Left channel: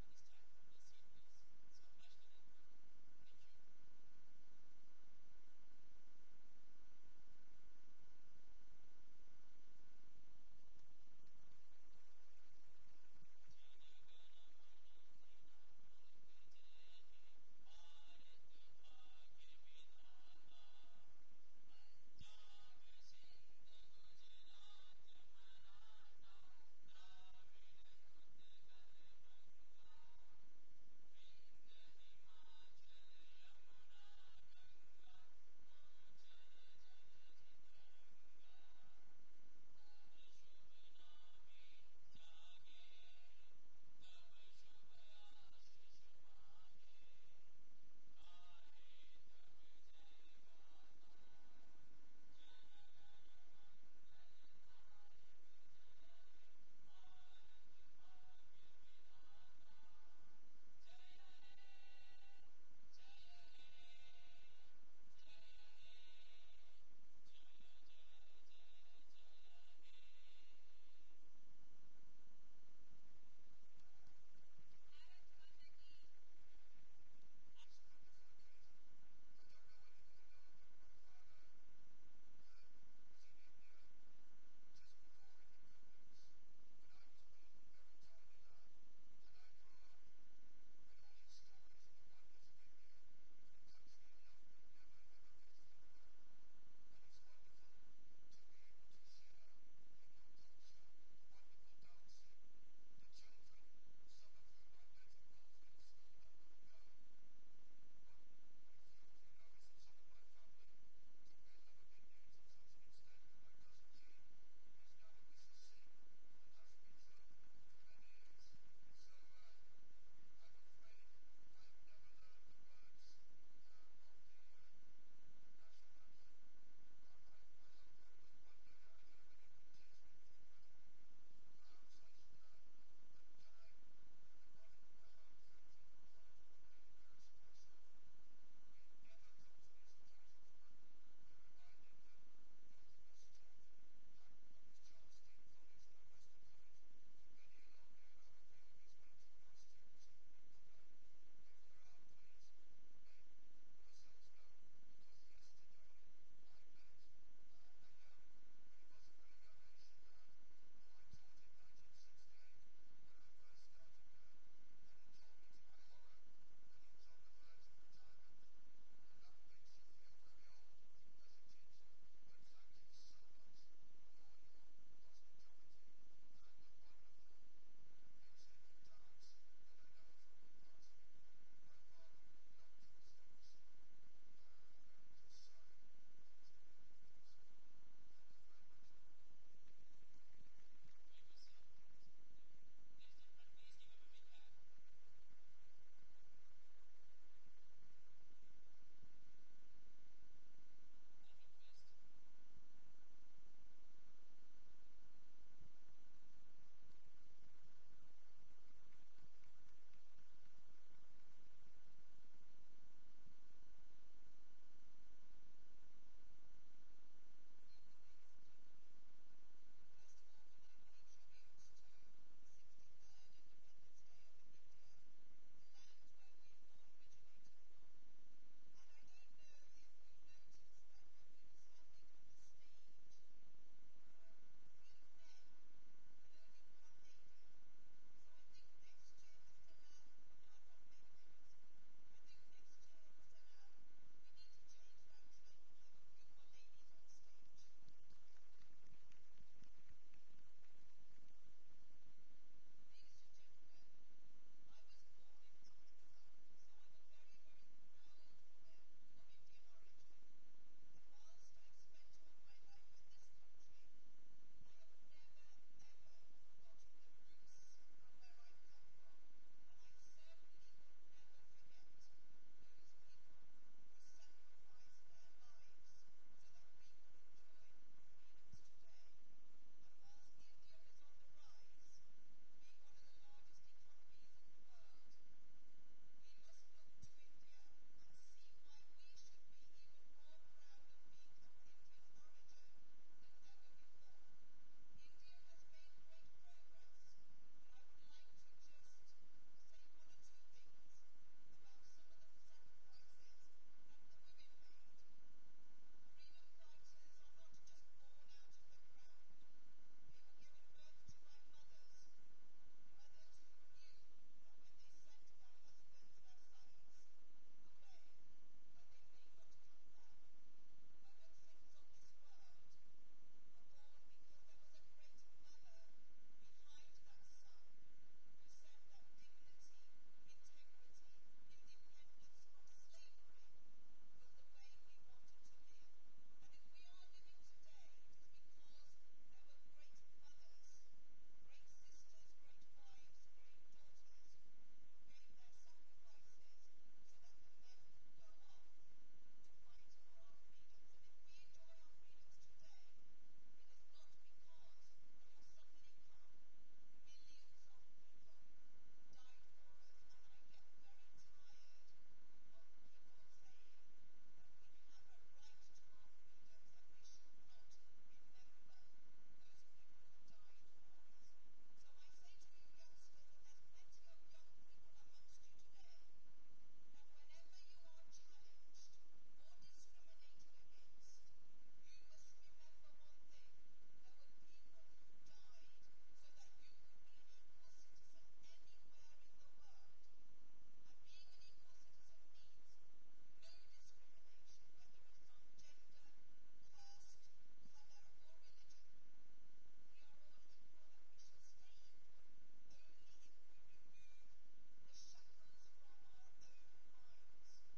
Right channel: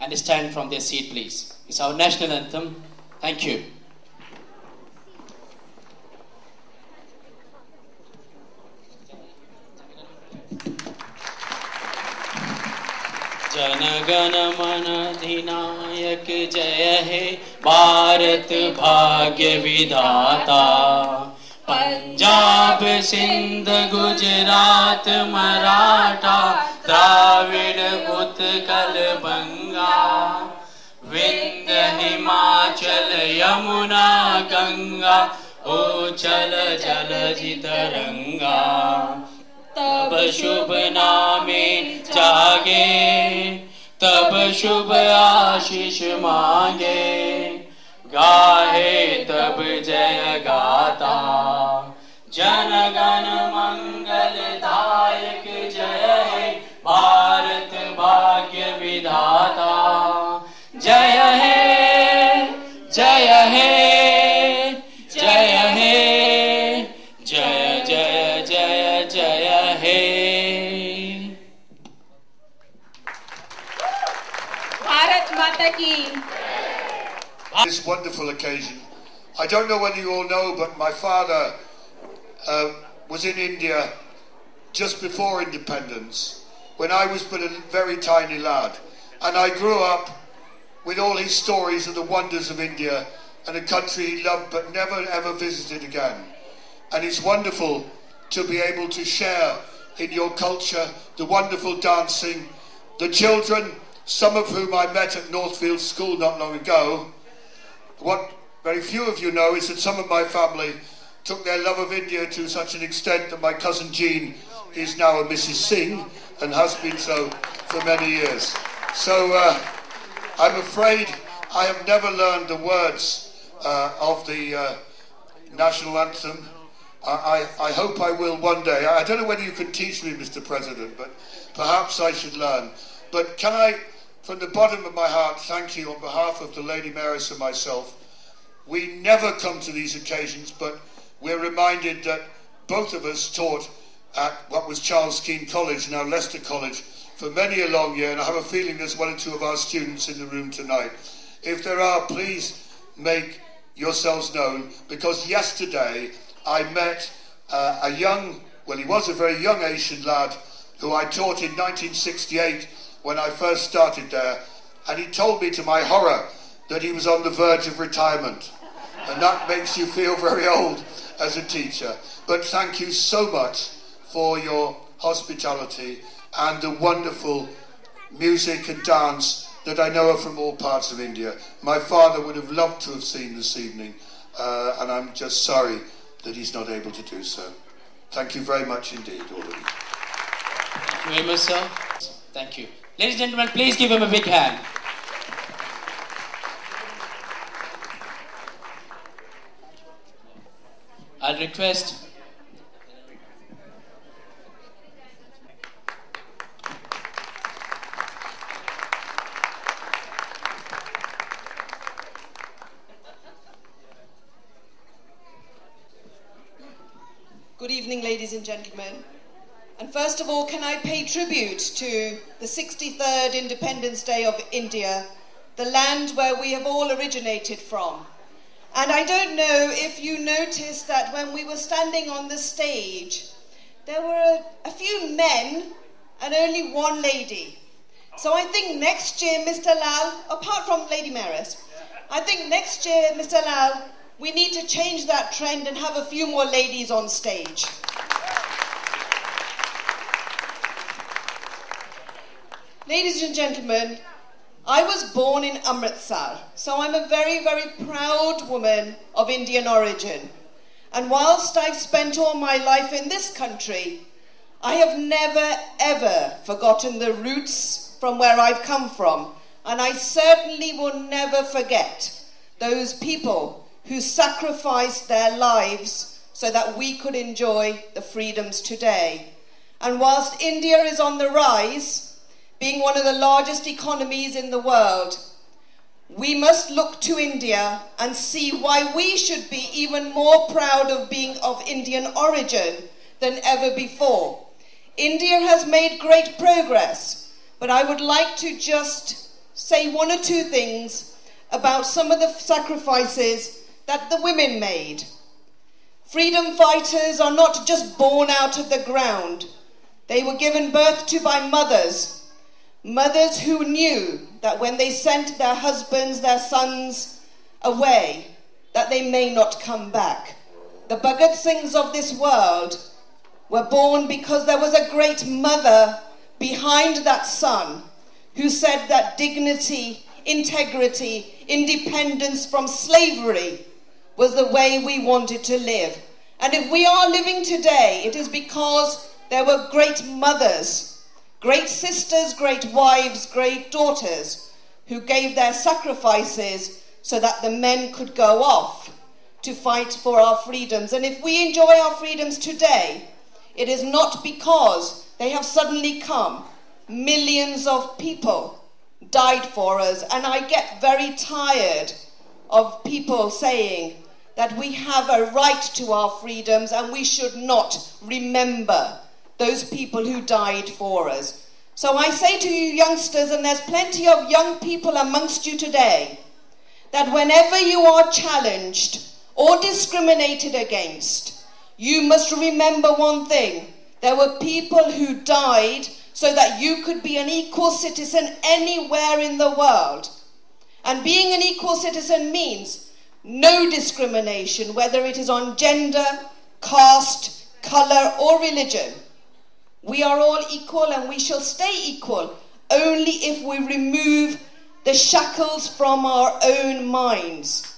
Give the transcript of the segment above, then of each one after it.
and stand from their seat, please. It's our national anthem. Thank you. जनगण मन अधिनायक जय हे भारत भाग्य विधाता पंजाब सिंध गुजरात मराठा द्राविड़ उत्कल बंगा विंध्य हिमाचल यमुना गंगा उछल जलधि तरंगा तब शुभ नामे जागे तब शुभ आशीष मांगे गाहे तब जय गाता जन गण मंगल दायक जय हे भारत भाग्य विधाता जय हे जय हे जय हे जय जय जय जय हे भारत माता की. This wonderful occasion. I don't know whether you all know, but my father was in India just before independence, when I was but a very tiny lad. And I grew up with all his stories of the wonders of India and a country he loved but never ever visited again. And it's wonderful to be able to share in your culture, the wonderful dancing, the children, some of whom I met at Northfield School not long ago. What very few of you know is that some of my family took their love of India to such an extent that my cousin Jean is now a Mrs. Singh and has been so for many years. So I'm afraid I have never learned the words of the national anthem. I hope I will one day. I don't know whether you can teach me, Mr. President, but perhaps I should learn. But can I, from the bottom of my heart, thank you on behalf of the Lady Mayoress and myself. We never come to these occasions, but we're reminded that both of us taught at what was Charles Keene College, now Leicester College, for many a long year, and I have a feeling there's one or two of our students in the room tonight. If there are, please make yourselves known, because yesterday I met a young, well, he was a very young Asian lad who I taught in 1968 when I first started there, and he told me to my horror that he was on the verge of retirement, and that makes you feel very old as a teacher. But thank you so much for your hospitality and the wonderful music and dance that I know are from all parts of India. My father would have loved to have seen this evening, and I'm just sorry that he's not able to do so. Thank you very much indeed, all of you. Thank you very much, sir. Thank you. Ladies and gentlemen, please give him a big hand. I'll request Good evening, ladies and gentlemen. And first of all, can I pay tribute to the 63rd Independence Day of India, the land where we have all originated from. And I don't know if you noticed that when we were standing on the stage, there were a few men and only one lady. So I think next year, Mr. Lal, apart from Lady Mayoress, I think next year, Mr. Lal, we need to change that trend and have a few more ladies on stage. Ladies and gentlemen, I was born in Amritsar, so I'm a very, very proud woman of Indian origin. And whilst I've spent all my life in this country, I have never, ever forgotten the roots from where I've come from. And I certainly will never forget those people who sacrificed their lives so that we could enjoy the freedoms today. And whilst India is on the rise, being one of the largest economies in the world, we must look to India and see why we should be even more proud of being of Indian origin than ever before. India has made great progress, but I would like to just say one or two things about some of the sacrifices that the women made. Freedom fighters are not just born out of the ground. They were given birth to by mothers. Mothers who knew that when they sent their husbands, their sons away, that they may not come back. The Bhagat Singhs of this world were born because there was a great mother behind that son who said that dignity, integrity, independence from slavery was the way we wanted to live. And if we are living today, it is because there were great mothers, great sisters, great wives, great daughters who gave their sacrifices so that the men could go off to fight for our freedoms. And if we enjoy our freedoms today, it is not because they have suddenly come. Millions of people died for us, and I get very tired of people saying that we have a right to our freedoms and we should not remember those people who died for us. So I say to you youngsters, and there's plenty of young people amongst you today, that whenever you are challenged or discriminated against, you must remember one thing. There were people who died so that you could be an equal citizen anywhere in the world. And being an equal citizen means no discrimination, whether it is on gender, caste, colour or religion. We are all equal and we shall stay equal only if we remove the shackles from our own minds.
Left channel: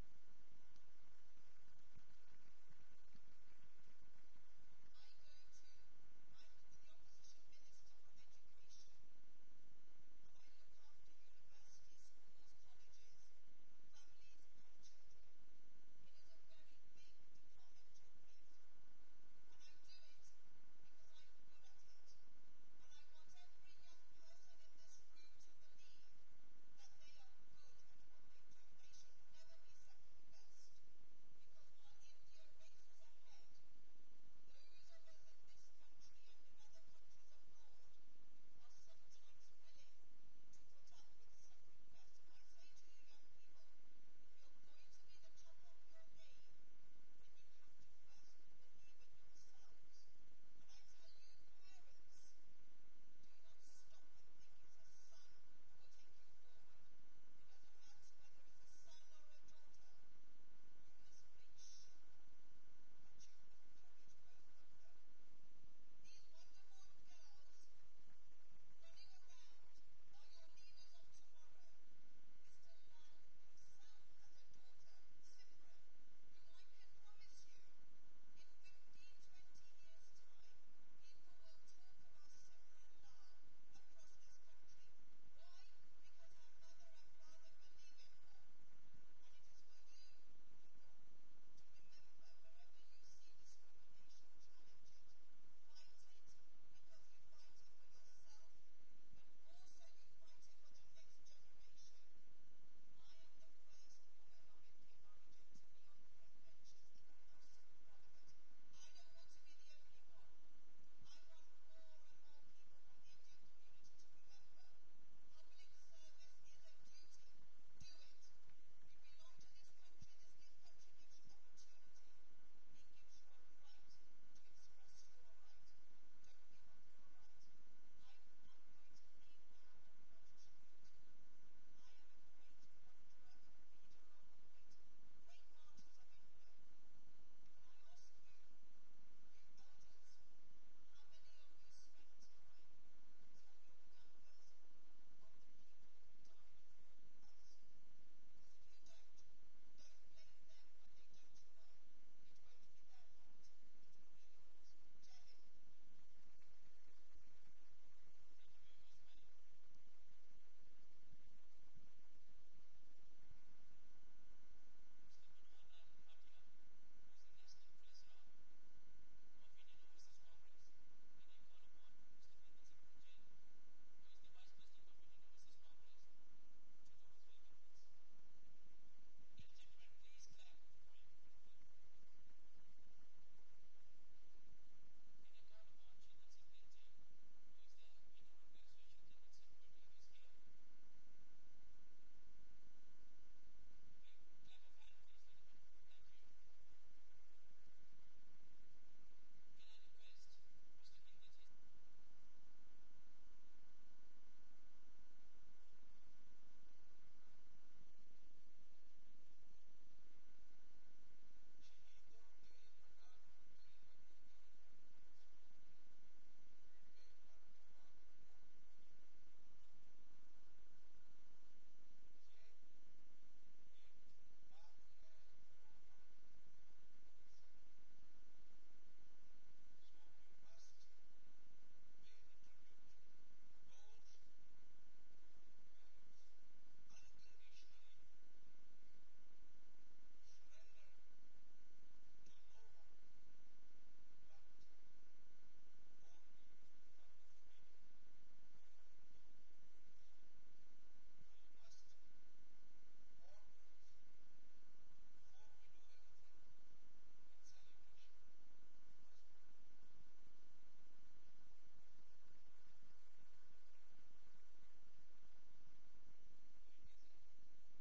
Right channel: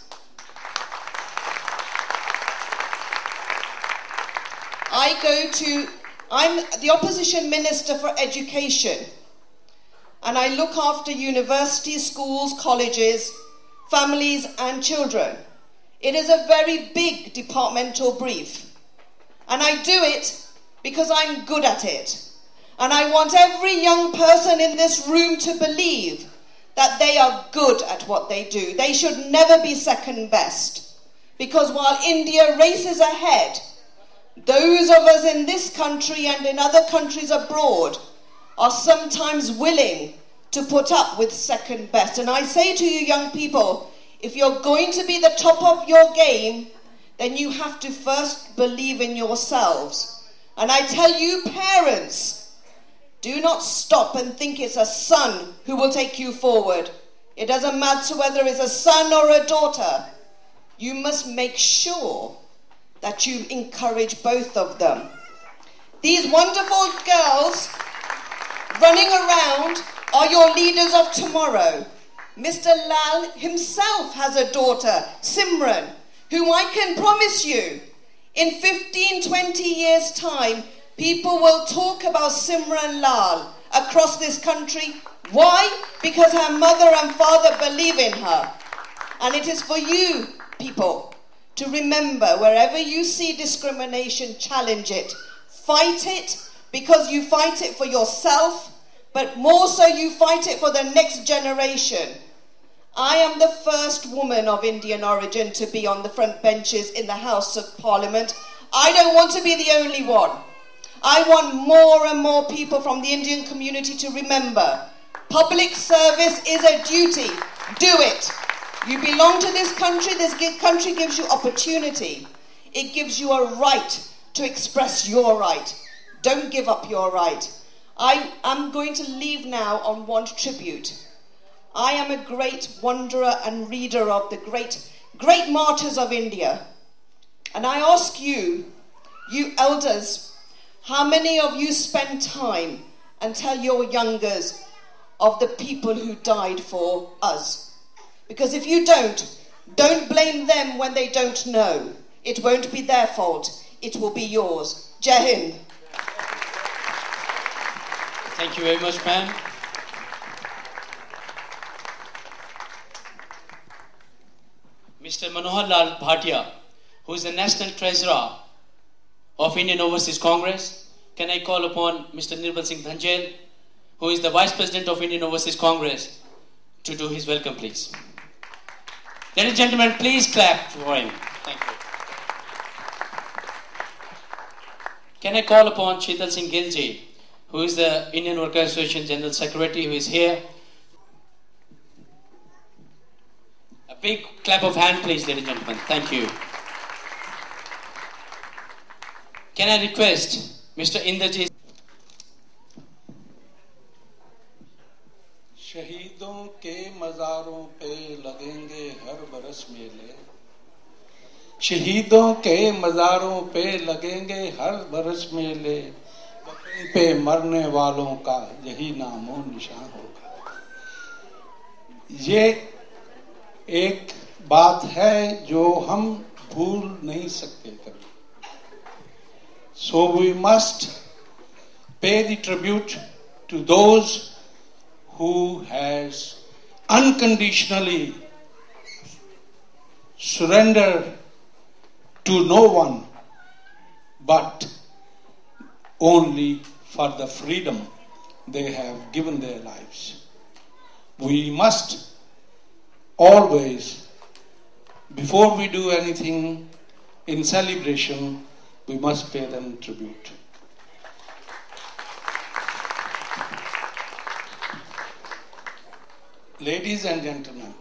I'm the opposition minister for education, and I look after universities, schools, colleges, families and children. It is a very big departmental brief, and I do it because I'm good at it. And I want every young person in this room to believe that they are good at what they do. They should never be second best, because while India races ahead, those of us in this country and in other countries abroad are sometimes willing to put up with second best. And I say to you young people, if you're going to be the top of your game, then you have to first believe in yourselves. And I tell you parents, do not stop and think it's a son who will take you forward. It doesn't matter whether it's a son or a daughter. You must make sure that you encourage both of them. These wonderful girls running around are your leaders of tomorrow. Mr. Lal himself has a daughter, Simran, whom I can promise you, in 15, 20 years' time, people will talk about Simran Lal across this country. Why? Because her mother and father believe in her. And it is for you, people, to remember, wherever you see discrimination, challenge it. Fight it, because you fight it for yourself, but more so you fight it for the next generation. I am the first woman of Indian origin to be on the front benches in the House of Parliament. I don't want to be the only one. I want more and more people from the Indian community to remember, public service is a duty. Do it. You belong to this country gives you opportunity. It gives you a right to express your right. Don't give up your right. I am going to leave now on one tribute. I am a great wanderer and reader of the great martyrs of India. And I ask you, you elders, how many of you spend time and tell your youngers of the people who died for us? Because if you don't blame them when they don't know. It won't be their fault. It will be yours. Jai Hind. Thank you very much, ma'am. Mr. Manohar Lal Bhatia, who is the National Treasurer of Indian Overseas Congress. Can I call upon Mr. Nirbal Singh Dhanjel, who is the Vice President of Indian Overseas Congress, to do his welcome, please. Ladies and gentlemen, please clap for him. Thank you. Can I call upon Sheetal Singh Gilji, who is the Indian Workers' Association General Secretary, who is here. big clap of hand, please, ladies and gentlemen. Thank you. Can I request Mr. Inderjit? शहीदों के मज़ारों पे लगेंगे हर बरस मेले, शहीदों के मज़ारों पे लगेंगे हर बरस मेले, वतन पे मरने वालों का यही नामो निशान होगा। ये एक बात है जो हम भूल नहीं सकते कभी। So we must pay the tribute to those who has unconditionally surrendered to no one but only for the freedom they have given their lives. We must always, before we do anything in celebration, we must pay them tribute. Ladies and gentlemen,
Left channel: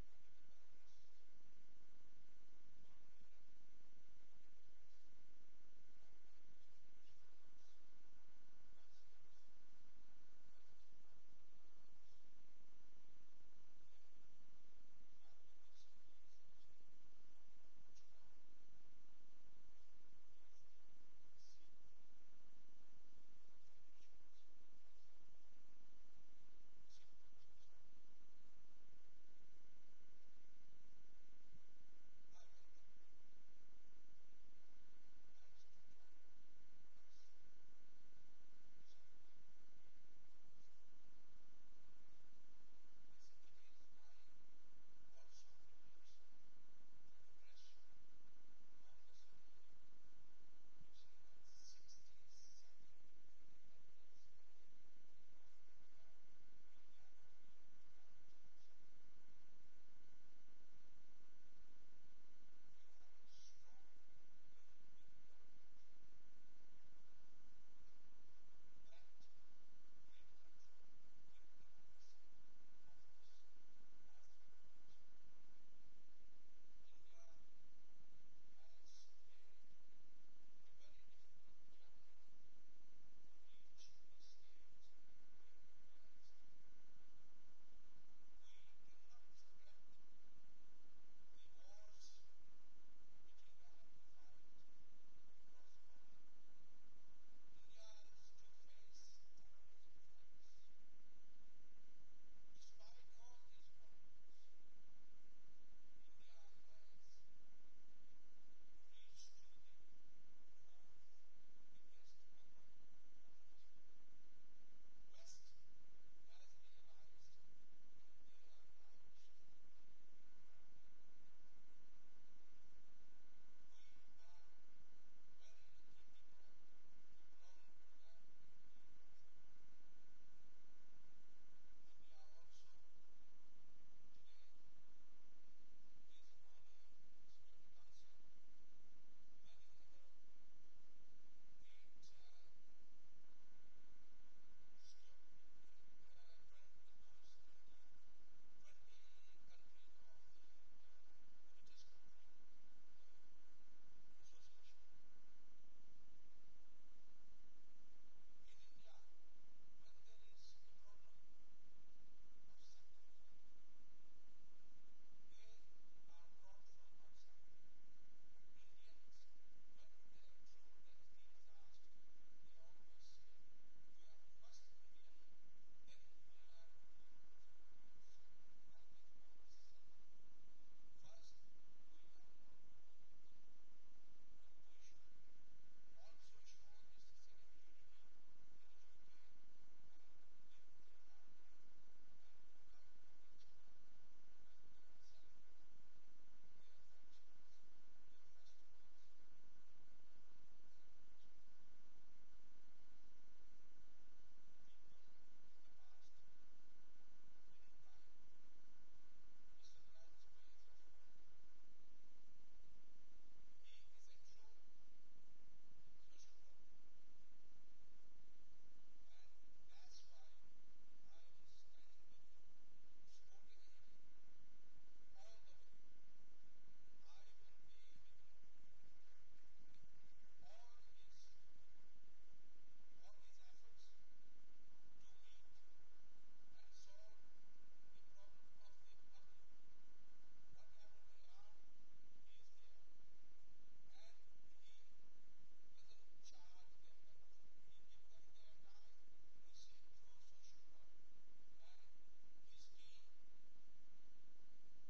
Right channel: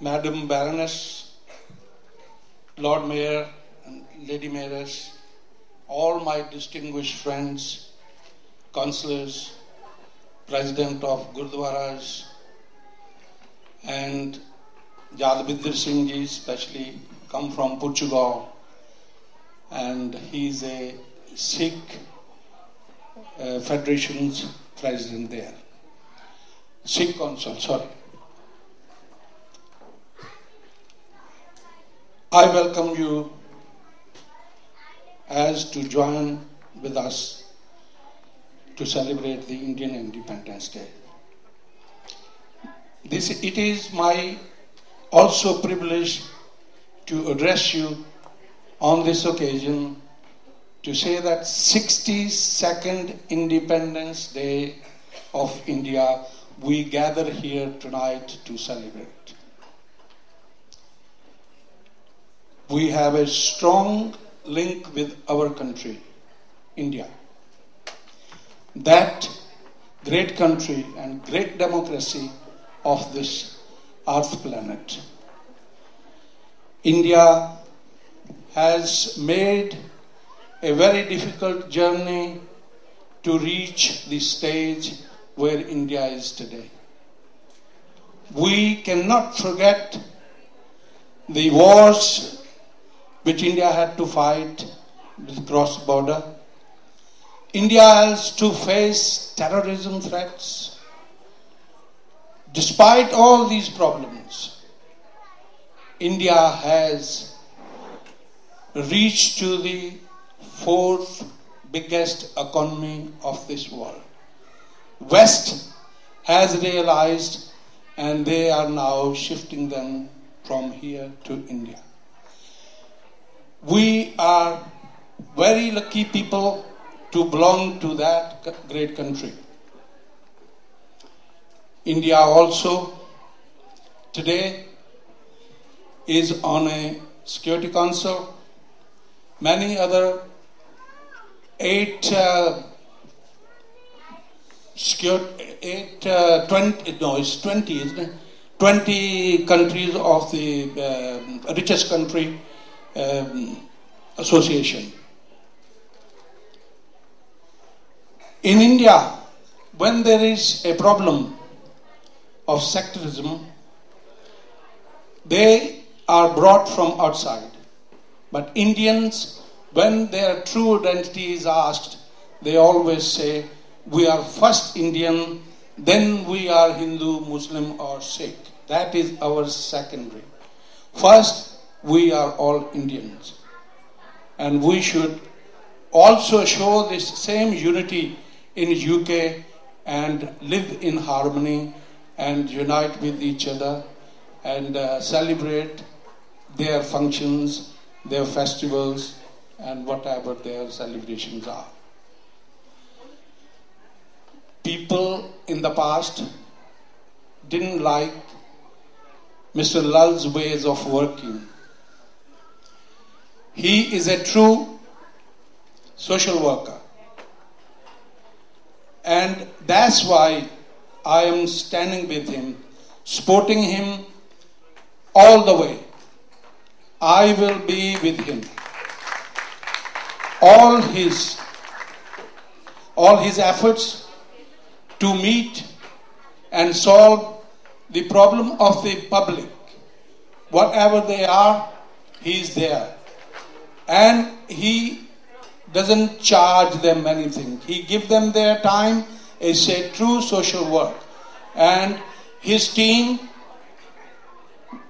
Madam Baroness, Lord Mayor and Lady Mayoress, all my distinguished friends, councillors, President of Gurdwaras, and Yadvinder Singh ji especially come from Portugal, and he's a Sikh Federation's president there. Sikh Council, sorry. I welcome you as to join with us to celebrate the Indian Independence Day. It is my also privilege to address you on this occasion to say that 62nd Independence Day of India we gather here tonight to celebrate. We have a strong link with our country, India. That great country and great democracy of this earth planet. India has made a very difficult journey to reach the stage where India is today. We cannot forget the wars which India had to fight with cross-border. India has to face terrorism threats. Despite all these problems, India has reached to the fourth biggest economy of this world. West has realized, and they are now shifting them from here to India. We are very lucky people to belong to that great country. India also today is on a Security Council. Many other 20 countries of the richest country association. In India, when there is a problem of sectarism, they are brought from outside. But Indians, when their true identity is asked, they always say, we are first Indian, then we are Hindu, Muslim or Sikh. That is our secondary. First, we are all Indians. And we should also show this same unity in UK and live in harmony and unite with each other and celebrate their functions, their festivals, and whatever their celebrations are. People in the past didn't like Mr. Lal's ways of working. He is a true social worker. And that's why I am standing with him, supporting him all the way. I will be with him. All his efforts to meet and solve the problem of the public, whatever they are, he is there. And he doesn't charge them anything. He gives them their time. It's a true social work. And his team,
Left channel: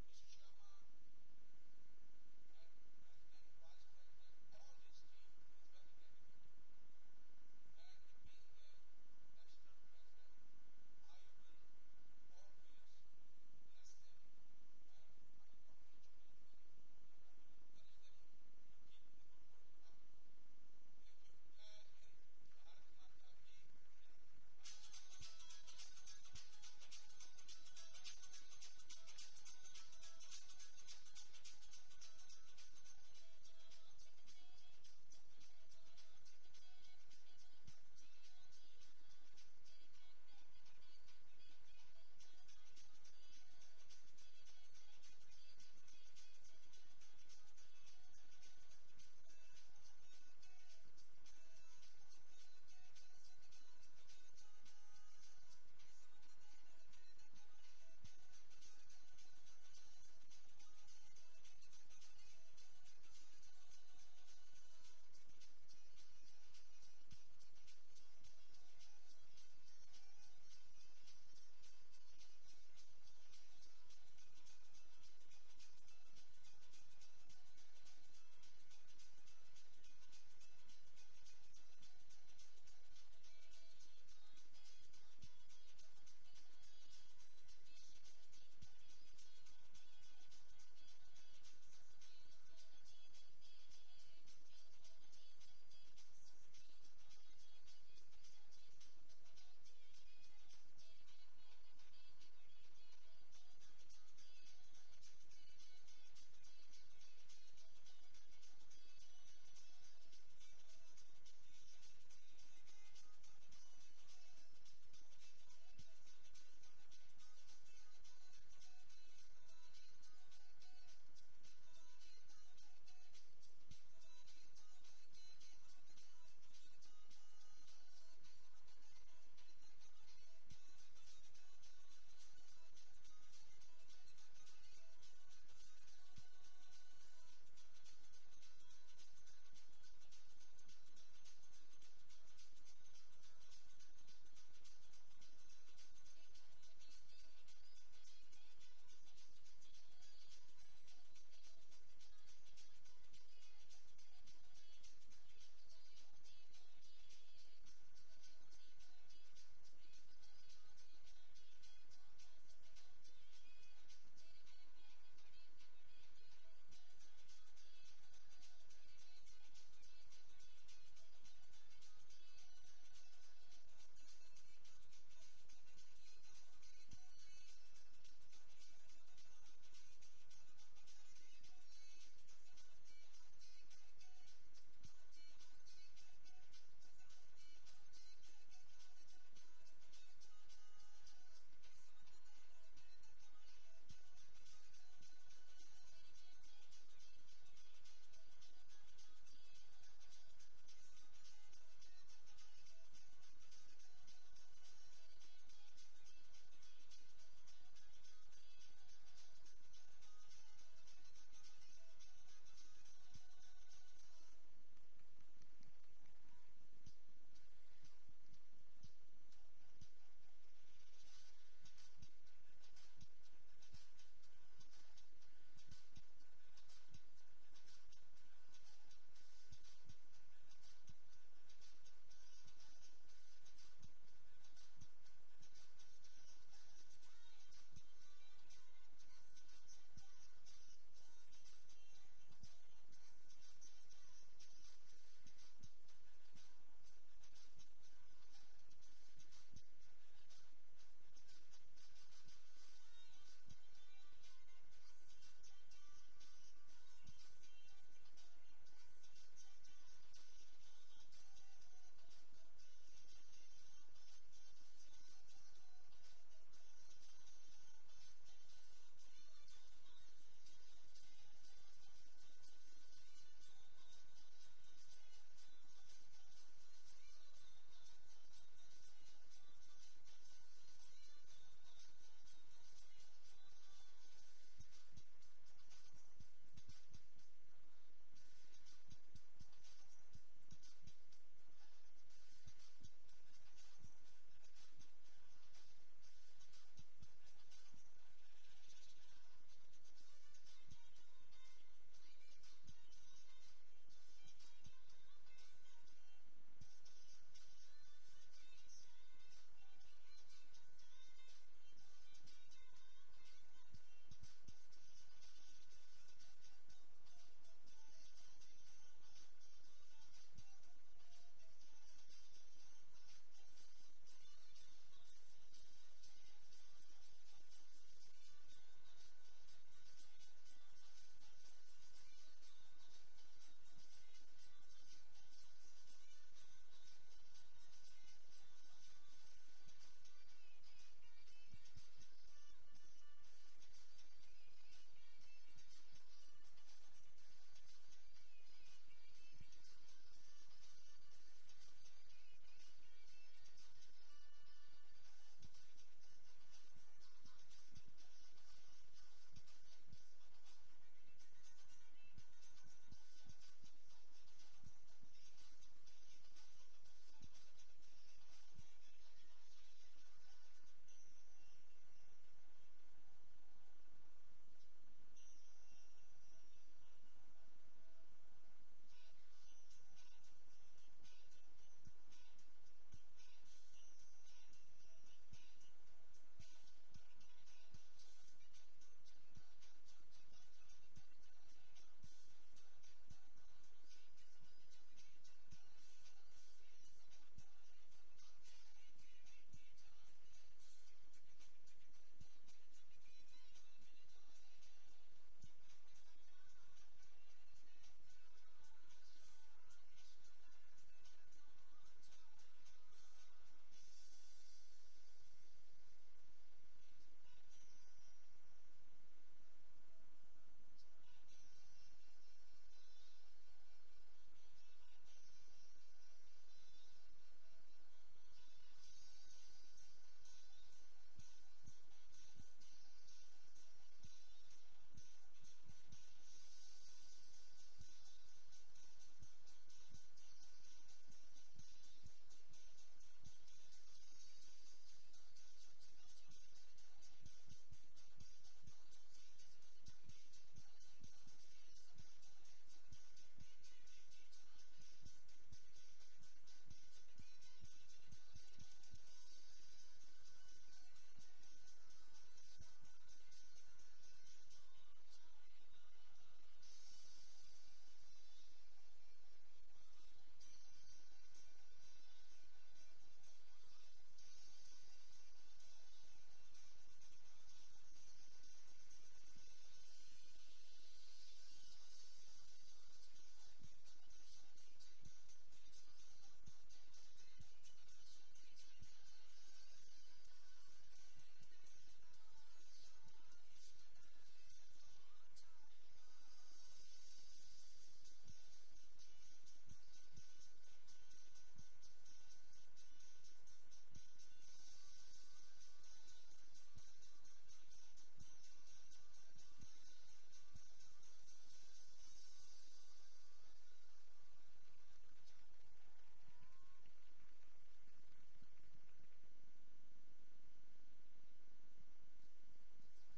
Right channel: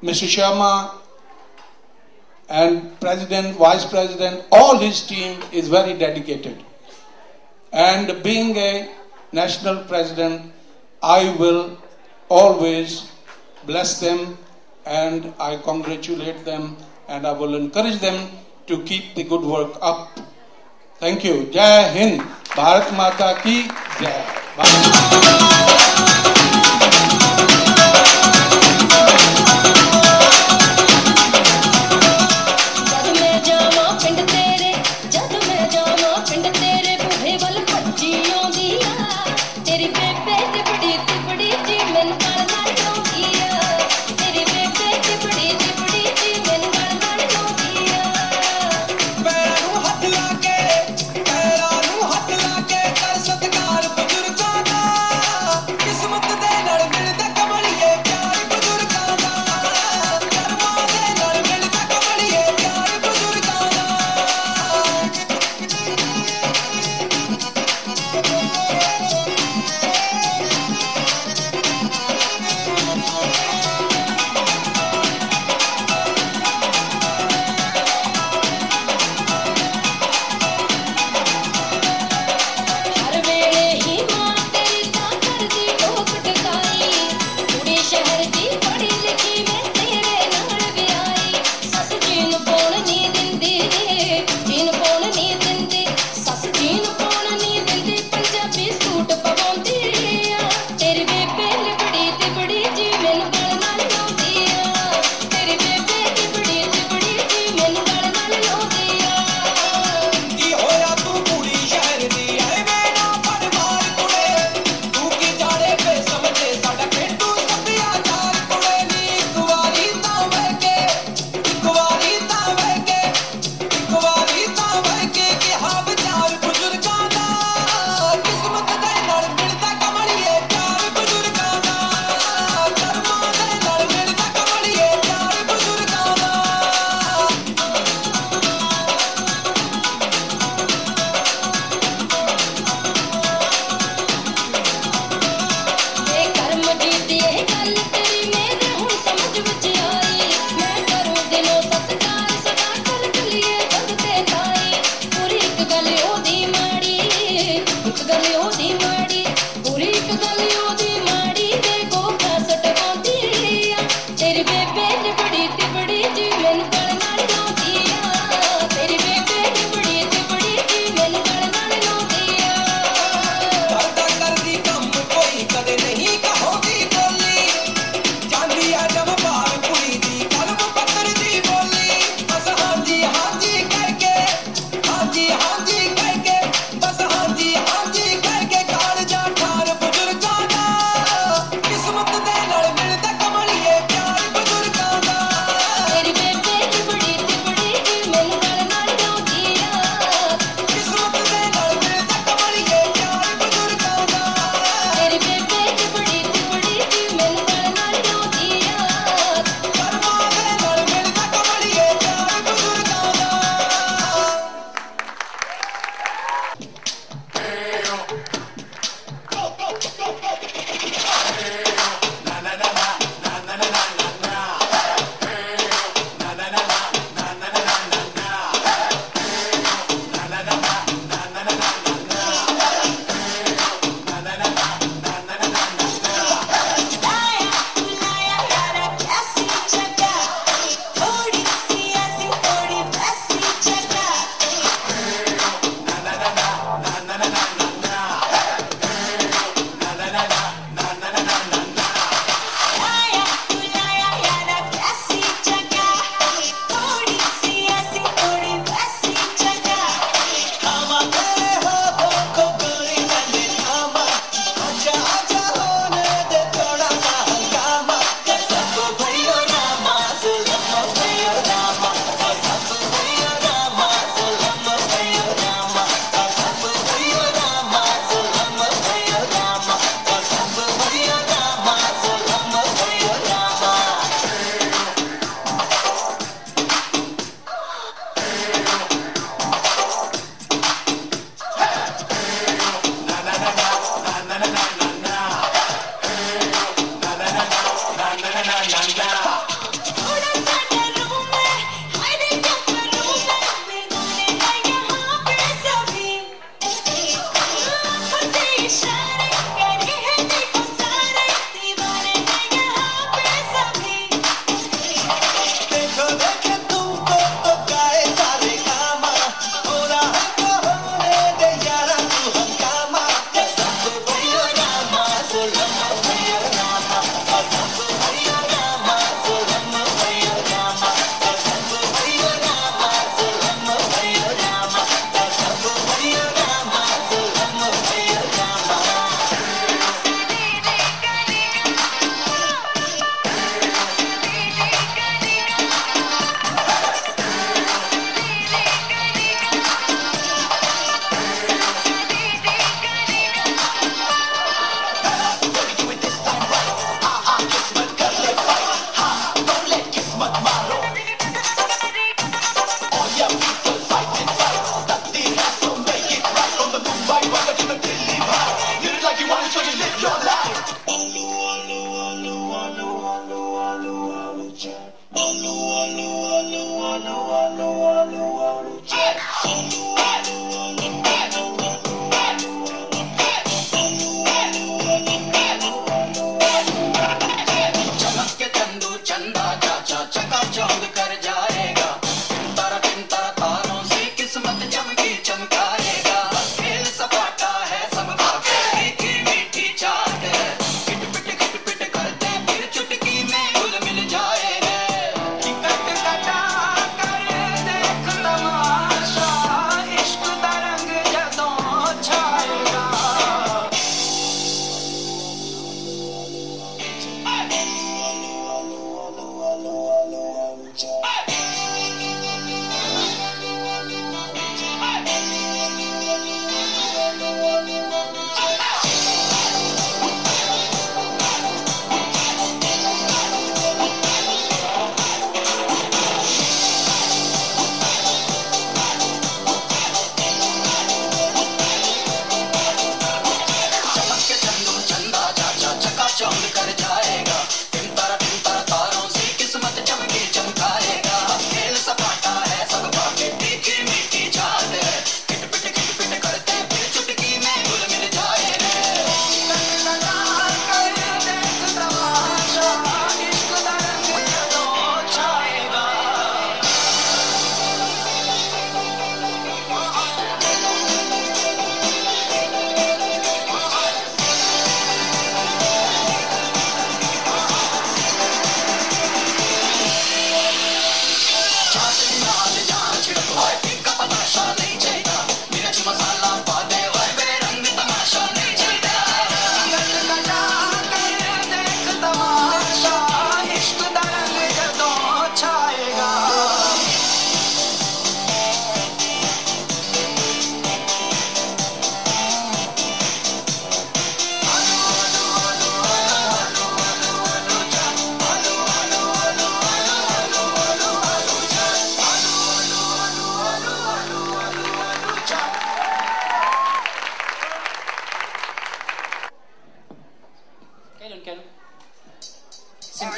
Mr. Sharma and President, Vice President, all his team is very dedicated. And being a national president, I will always bless them and I congratulate them and I will encourage them to keep the good work up. Thank you. Jai Hind. Bharat Mata ki Jai. Peace.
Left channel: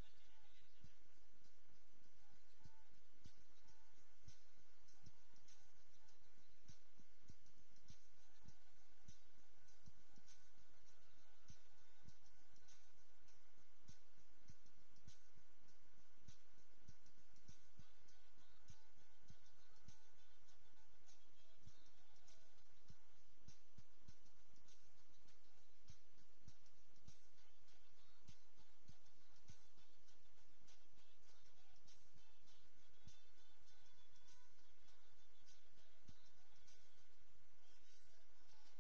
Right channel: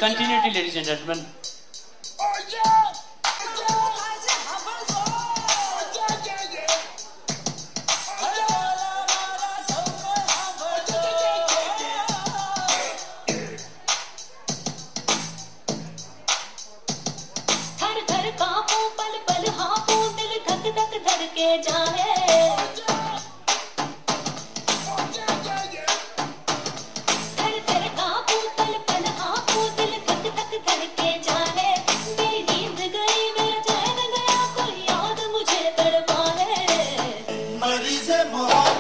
Continuity, ladies and gentlemen. More